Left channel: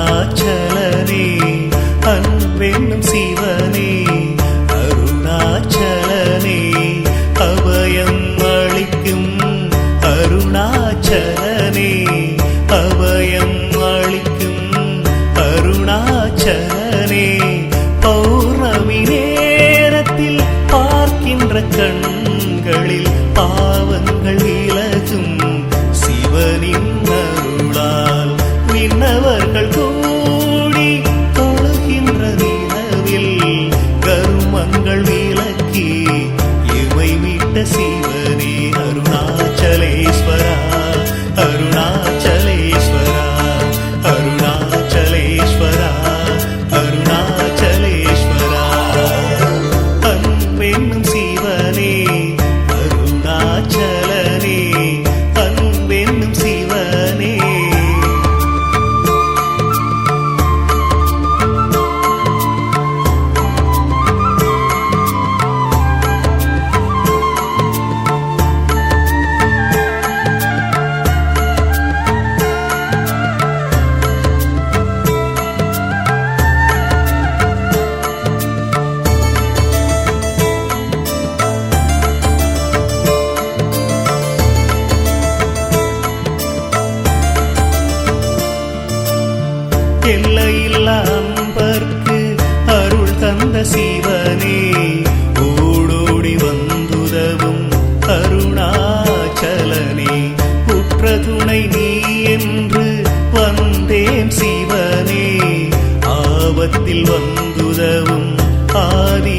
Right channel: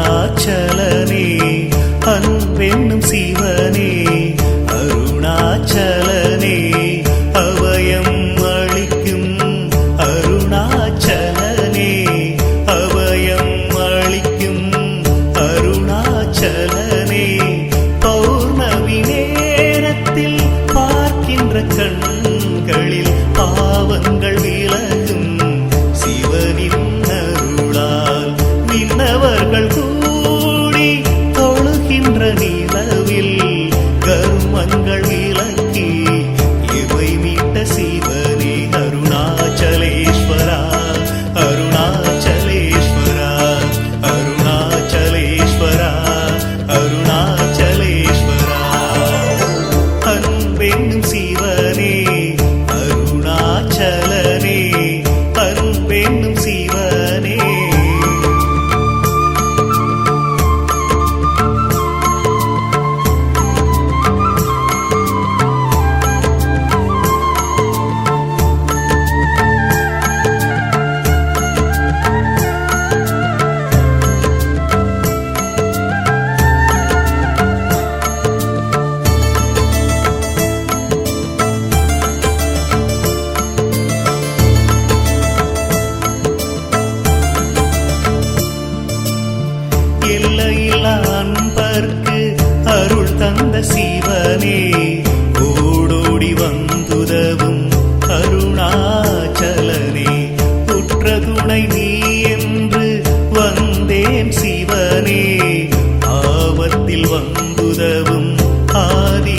அருணாச்சலனே அன்பென்னும் சிவனே அருணாச்சலனே அபயம் அளிக்கும் அருணாச்சலனே அபயம் அளிக்கும் அருணாச்சலனே பௌர்ணமி நேரத்தில் பார்க்கின்ற கண்களில் பாவங்கள் விலகும் சிவனின் அருளால் விண்ணவர்கள் கூடி தொழுகின்ற நிலவில் கர்மங்கள் விலக்கி இவை விட்ட சிவனே அருணாச்சலேஸ்வரா அருணாச்சலேஸ்வரா அருணாச்சலேஸ்வரா அருணாச்சலேஸ்வரா அன்பென்னும் சிவனே அருணாச்சலனே அன்பென்னும் சிவனே எல்லையில்லா அன்பர்க்கு அருள் தந்த சிவனே ஓடோடி வந்துதவும் அருணாச்சலனே உற்ற துணை நீ என்று வந்தேன் சிவனே ஆபத்தில் வந்துதவும் ஆதி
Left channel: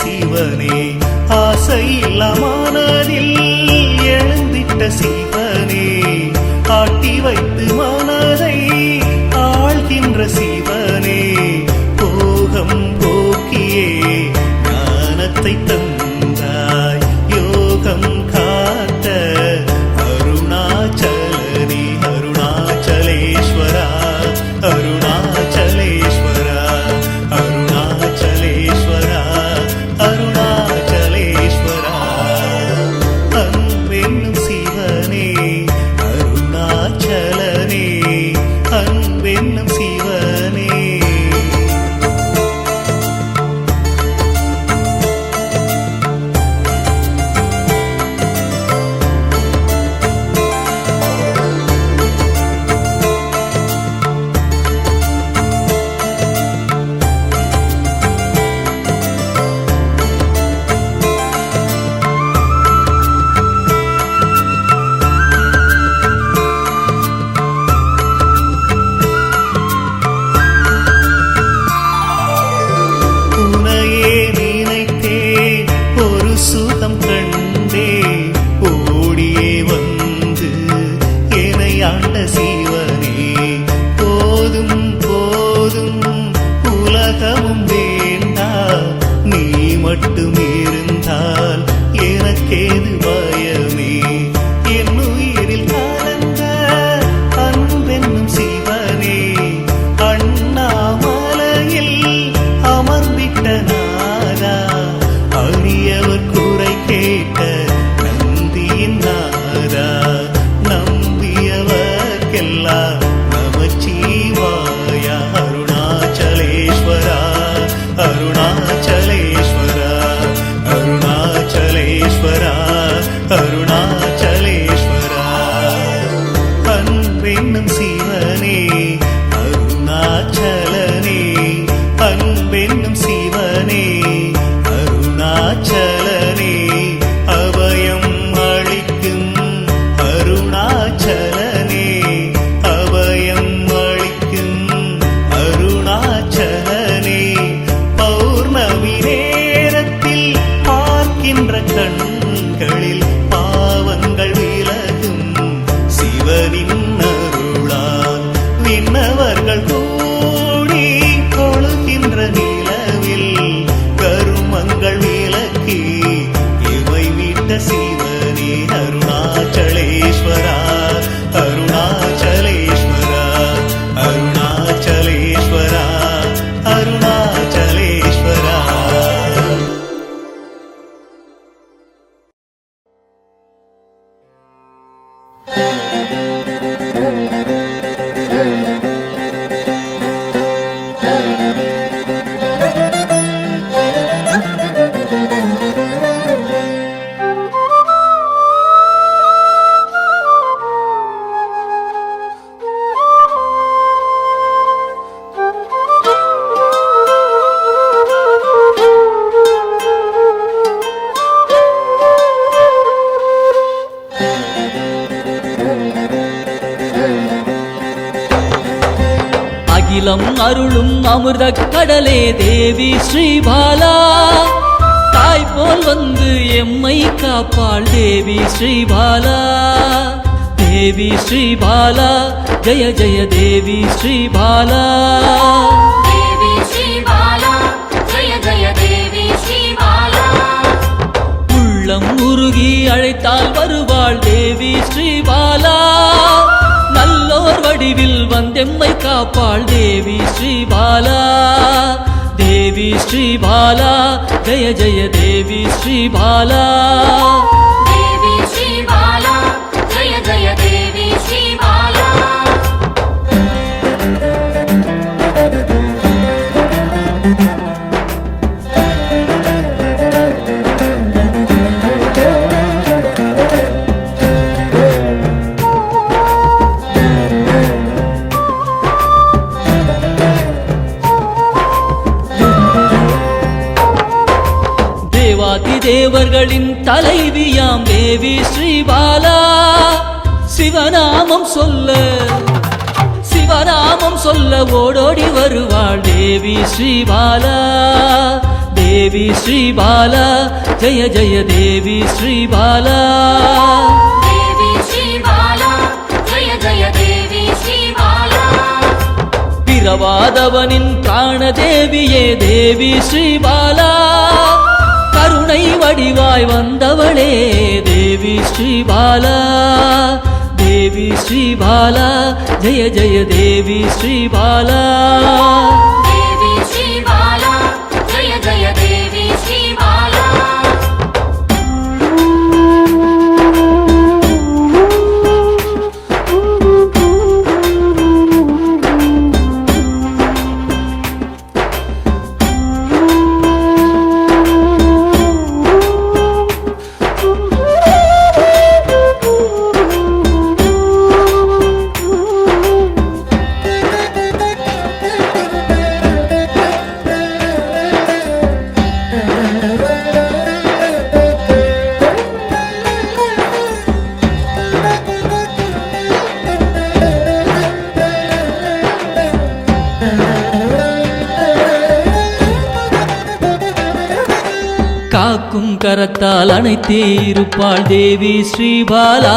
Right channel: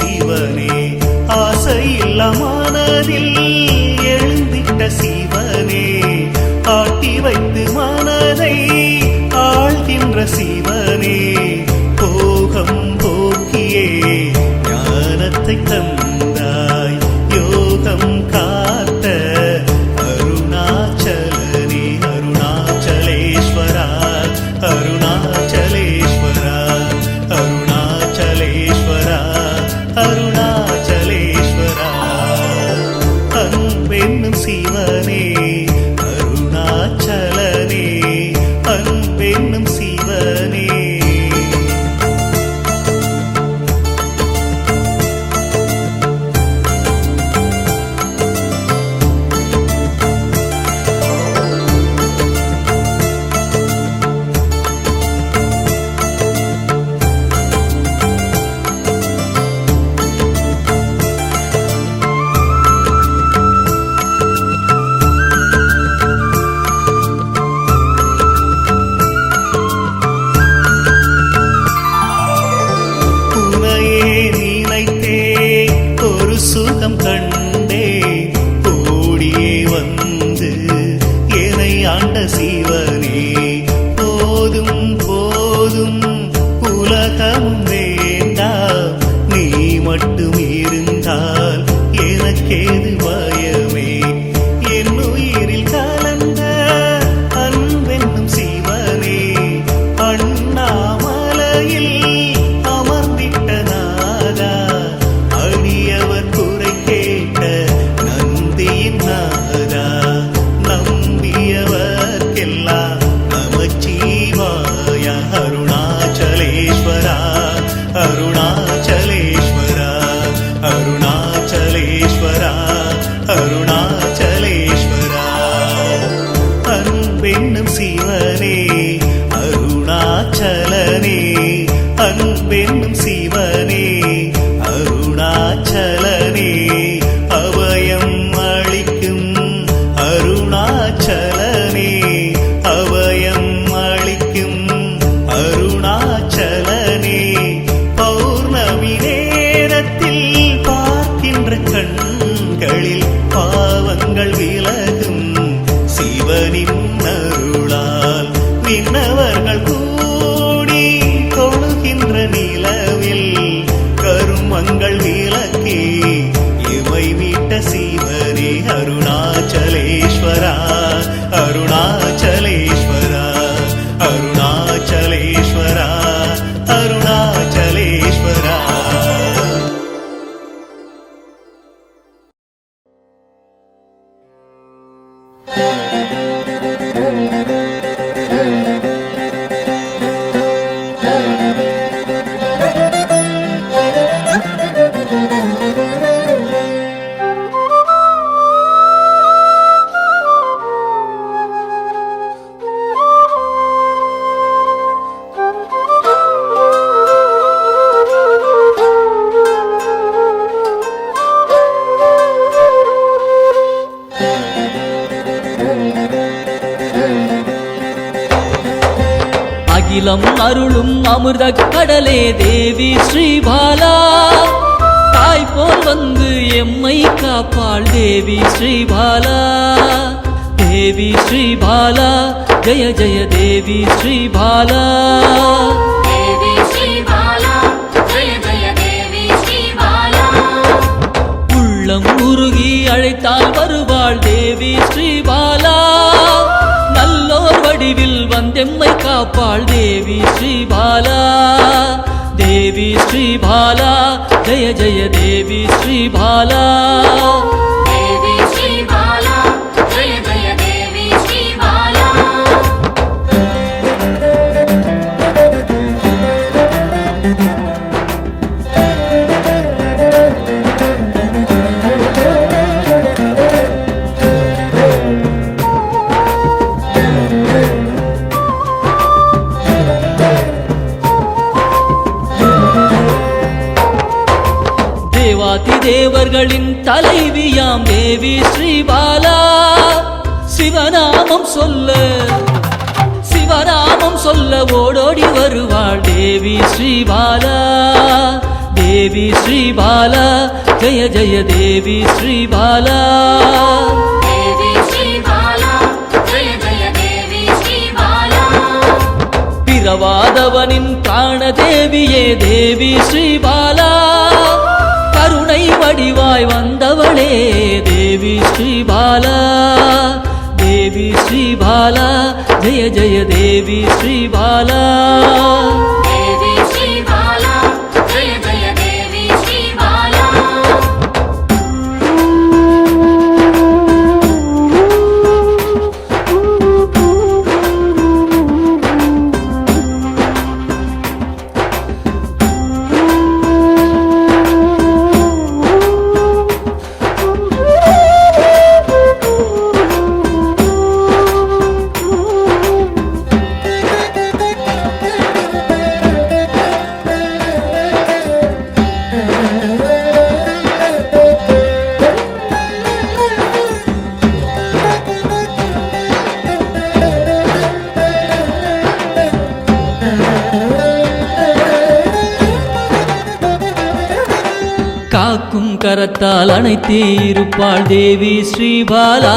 சிவனே ஆசையில்லா மனதில் எழுந்திட்ட சிவனே ஆட்டி வைத்து மனதை ஆழ்கின்ற சிவனே போகம் போக்கியே ஞானத்தை தந்தாய் யோகம் காத்த அருணாச்சலனே அருணாச்சலேஸ்வரா அருணாச்சலேஸ்வரா அருணாச்சலேஸ்வரா அருணாச்சலேஸ்வரா அன்பென்னும் சிவனே அருணாச்சலனே அன்பென்னும் சிவனே ஒரு சுகம் கண்டே ஓடியே வந்து என்னை ஆண்ட சிவனே போதும் போதும் உலகமும் வேண்டாம் நீ மட்டும் இருந்தால் எனக்கேது பயமே என் உயிரில் கலந்த அன்பென்னும் சிவனே அண்ணாமலையில் அமர்ந்திட்ட நாரா அடியவர் குறை கேட்ட நந்தியின் நாரா நம்பியவர்க்கெல்லாம் நமச்சிவாய அருணாச்சலேஸ்வரா அருணாச்சலேஸ்வரா அருணாச்சலேஸ்வரா அருணாச்சலேஸ்வரா அன்பென்னும் சிவனே அருணாச்சலனே அன்பென்னும் சிவனே அருணாச்சலனே அபயம் அளிக்கும் அருணாச்சலனே அபயம் அளிக்கும் அருணாச்சலனே பௌர்ணமி நேரத்தில் பார்க்கின்ற கண்களில் பாவங்கள் விலகும் சிவனின் அருளால் விண்ணவர்கள் கூடி தொழுகின்ற நிலவில் கருமங்கள் விலக்கி இவை விட்ட சிவனே அருணாச்சலேஸ்வரா அருணாச்சலேஸ்வரா அருணாச்சலேஸ்வரா அருணாச்சலேஸ்வரா அகிலம் அருளும் அமிர்த கடலே தேவி ஸ்ரீபாலா தாய் போல் வந்து எம்மை காப்பாள் தேவி ஸ்ரீபாலா தேவி ஸ்ரீபாலா ஜெய ஜெய தேவி ஸ்ரீபாலா தேவி ஸ்ரீபாலா ஜெய ஜெய தேவி ஸ்ரீபாலா உள்ளம் உருகி அழைத்தால் வருவாள் தேவி ஸ்ரீபாலா நல்லோர் வடிவில் வந்தெம்மை காப்பாள் தேவி ஸ்ரீபாலா தேவி ஸ்ரீபாலா ஜெய ஜெய தேவி ஸ்ரீபாலா தேவி ஸ்ரீபாலா ஜெய ஜெய தேவி ஸ்ரீபாலா தேவாதி தேவர்களின் தலைவியாம் தேவி ஸ்ரீபாலா சிவநாமம் சொல்ல ஓடோடி வருவாள் தேவி ஸ்ரீபாலா தேவி ஸ்ரீபாலா ஜெய ஜெய தேவி ஸ்ரீபாலா தேவி ஸ்ரீபாலா ஜெய ஜெய தேவி ஸ்ரீபாலா பிறவாதவனின் பிராண தேவியே தேவி ஸ்ரீபாலா கருணை வடிவாய் வந்தவளே தேவி ஸ்ரீபாலா தேவி ஸ்ரீபாலா ஜெய ஜெய தேவி ஸ்ரீபாலா தேவி ஸ்ரீபாலா ஜெய ஜெய தேவி ஸ்ரீபாலா காக்கும் கரத்தால் அணைத்தே இருப்பாள் தேவி ஸ்ரீபாலா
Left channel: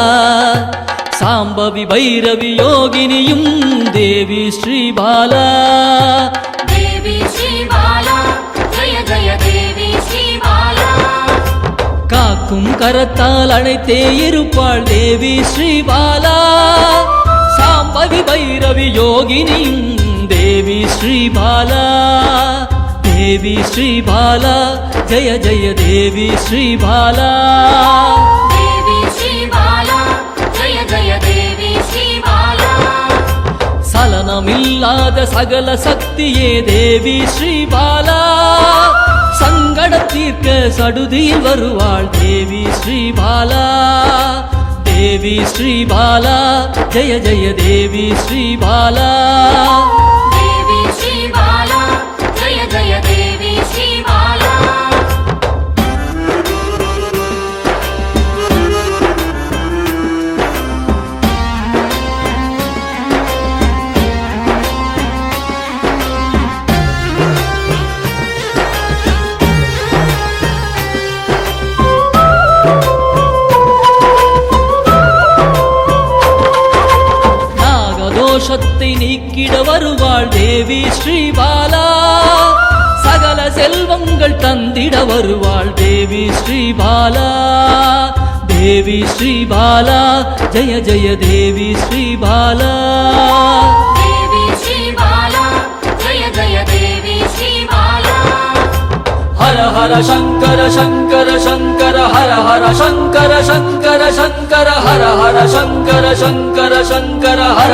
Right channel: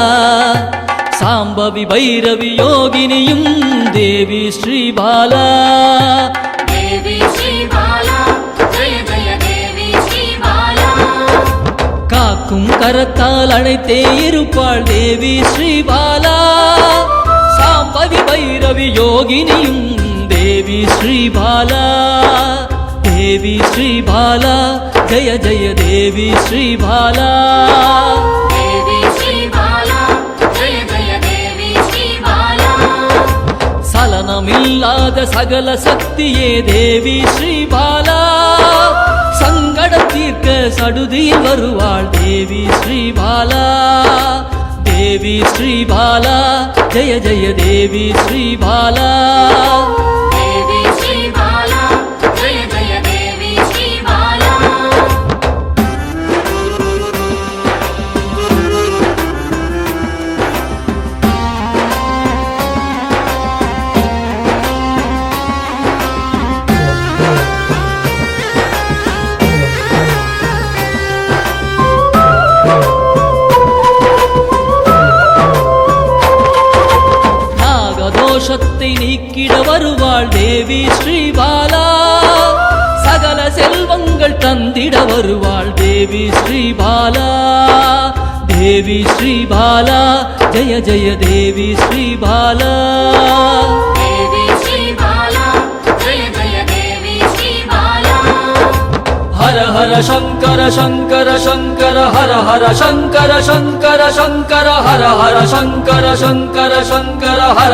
சாம்பவி பைரவி யோகினியும் தேவி ஸ்ரீபாலா தேவி ஸ்ரீபாலா ஜெய ஜெய தேவி ஸ்ரீபாலா காக்கும் கரத்தால் அணைத்தே இருப்பாள் தேவி ஸ்ரீபாலா சாம்பவி பைரவி யோகினியும் தேவி ஸ்ரீபாலா தேவி ஸ்ரீபாலா ஜெய ஜெய தேவி ஸ்ரீபாலா தேவி ஸ்ரீபாலா ஜெய ஜெய தேவி ஸ்ரீபாலா சலனமில்லாத சகல சக்தியே தேவி ஸ்ரீபாலா சங்கடம் தீர்க்க சடுதியில் வருவாள் தேவி ஸ்ரீபாலா தேவி ஸ்ரீபாலா ஜெய ஜெய தேவி ஸ்ரீபாலா தேவி ஸ்ரீபாலா ஜெய ஜெய தேவி ஸ்ரீபாலா நாகதோஷத்தை நீக்கிட வருவாள் தேவி ஸ்ரீபாலா சகல செல்வங்கள் தந்திட வருவாள் தேவி ஸ்ரீபாலா தேவி ஸ்ரீபாலா ஜெய ஜெய தேவி ஸ்ரீபாலா தேவி ஸ்ரீபாலா ஜெய ஜெய தேவி ஸ்ரீபாலா ஹர ஹர சங்கர சங்கர சங்கர ஹர ஹர சங்கர சங்கர சங்கர ஹர ஹர சங்கர சங்கர சங்கர ஹர